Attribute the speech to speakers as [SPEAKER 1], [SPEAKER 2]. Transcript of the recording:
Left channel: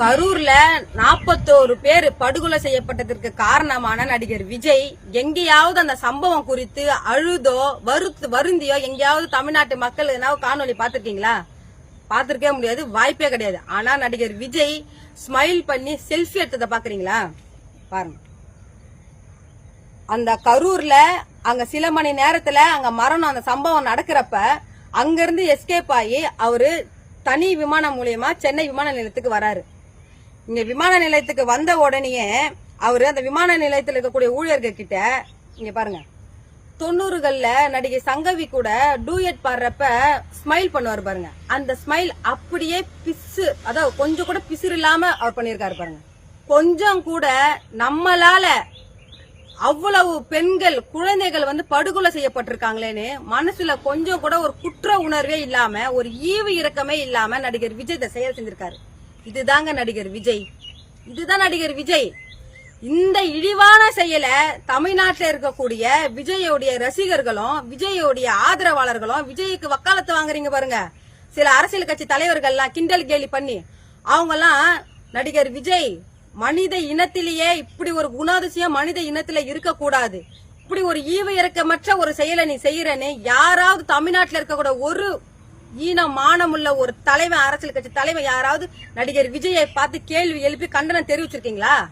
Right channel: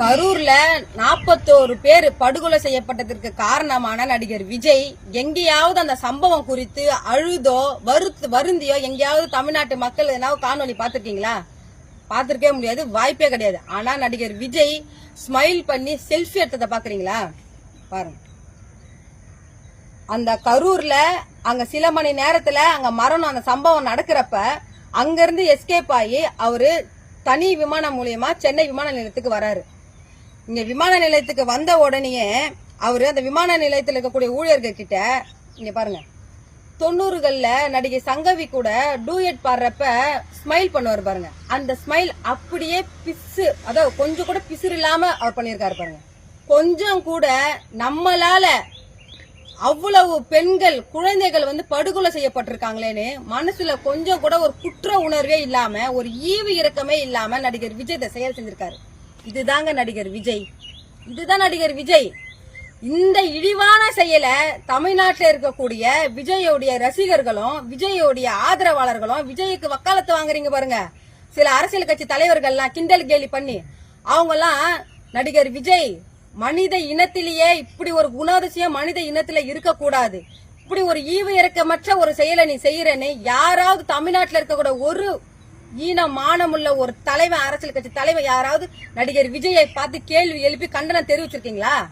[SPEAKER 1] கரூர்ல நாற்பத்தோரு பேர் படுகொலை செய்யப்பட்டதற்கு காரணமான நடிகர் விஜய் எங்கேயாவது அந்த சம்பவம் குறித்து அழுதோ வருத்து வருந்தியோ எங்கேயாவது தமிழ்நாட்டு மக்கள் எதனாவது காணொலி பார்த்திருக்கீங்களா? பார்த்திருக்கவே முடியாது வாய்ப்பே கிடையாது. ஆனா நடிகர் விஜய் ஸ்மைல் பண்ணி செல்ஃபி எடுத்ததை பாக்குறீங்களா பாருங்க. அந்த கரூர்ல அங்க சில மணி நேரத்துல அங்க மரணம் அந்த சம்பவம் நடக்கிறப்ப அங்கிருந்து எஸ்கேப் ஆகி அவரு தனி விமானம் மூலியமா சென்னை விமான நிலையத்துக்கு வராரு. இங்க விமான நிலையத்துக்கு வந்த உடனேயே அவரு அந்த விமான நிலையத்தில் இருக்கக்கூடிய ஊழியர்கள் கிட்ட இங்க பாருங்க தொண்ணூறுகள்ல நடிகை சங்கவி கூட டூயட் பாடுறப்ப ஸ்மைல் பண்ணுவார் பாருங்க. அந்த ஸ்மைல் அப்படியே பிசு அதாவது கொஞ்சம் கூட பிசுறு இல்லாம அவர் பண்ணியிருக்காரு பாருங்க. கொஞ்சம் கூட நம்மளால அவ்வளவு பெண்கள் குழந்தைகள் வந்து படுகொலை செய்யப்பட்டிருக்காங்களேன்னு மனசுல கொஞ்சம் கூட ஒரு குற்ற உணர்வே இல்லாம ஒரு ஈவு இறக்கமே இல்லாம நடிகர் விஜய் செயல் செஞ்சிருக்காரு. இதுதாங்க நடிகர் விஜய். இதுதான் நடிகர் விஜய். இந்த இழிவான செயலை தமிழ்நாட்டில் இருக்கக்கூடிய விஜயோடைய ரசிகர்களும் விஜயோடைய ஆதரவாளர்களும் விஜய்க்கு வக்காலத்து வாங்குறீங்க பாருங்க. சில அரசியல் கட்சி தலைவர்கள்லாம் கிண்டல் கேலி பண்ணி அவங்கெல்லாம் நடிகர் விஜய் மனித இனத்திலேயே இப்படி ஒரு குணாதிசயம் மனித இனத்துல இருக்கக்கூடாது. இப்படி ஒரு ஈவு இறக்கமற்ற ஒரு செயலை நீ செய்யறன்னு யாராவது தமிழ்நாட்டில் இருக்கக்கூடிய ஒரு ஈனம் மானமுள்ள ஒரு தலைவன் அரசியல் கட்சி தலைவர் யாராவது நடிகர் விஜயை பார்த்து கேள்வி எழுப்பி கண்டனம் தெரிவிச்சிருக்கீங்களா?